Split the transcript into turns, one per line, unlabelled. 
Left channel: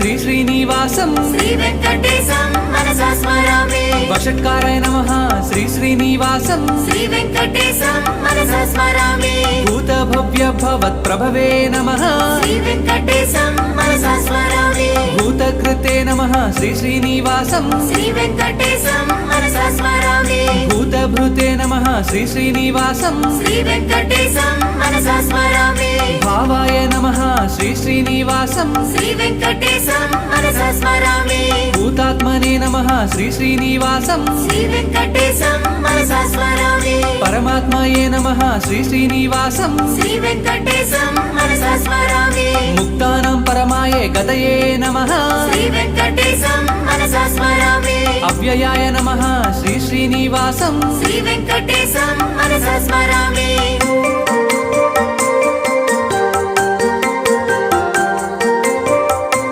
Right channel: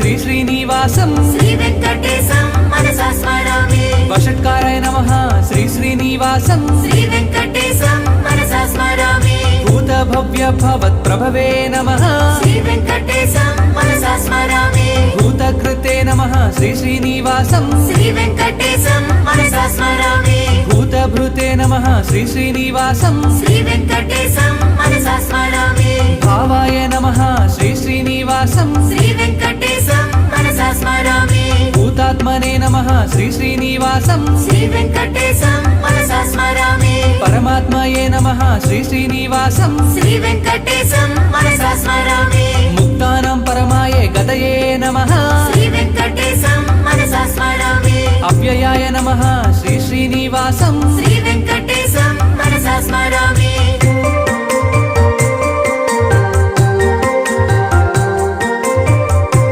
శ్రీ శ్రీనివాసం. వషట్కారాయ నమ. శ్రీ శ్రీనివాసం. భూత భవ్య భవత్ ప్రభవే నమ. భూతకృతే నమ. శ్రీ శ్రీనివాసం. భూతభృతే నమ. శ్రీ శ్రీనివాసం. భావాయ నమ. శ్రీ శ్రీనివాసం. భూతాత్మనే నమ. శ్రీ శ్రీనివాసం. పరమాత్మయే నమ. శ్రీ శ్రీనివాసం. ముక్తానం పరమాయే గతయే నమ. అవ్యయాయ నమ. శ్రీ శ్రీనివాసం.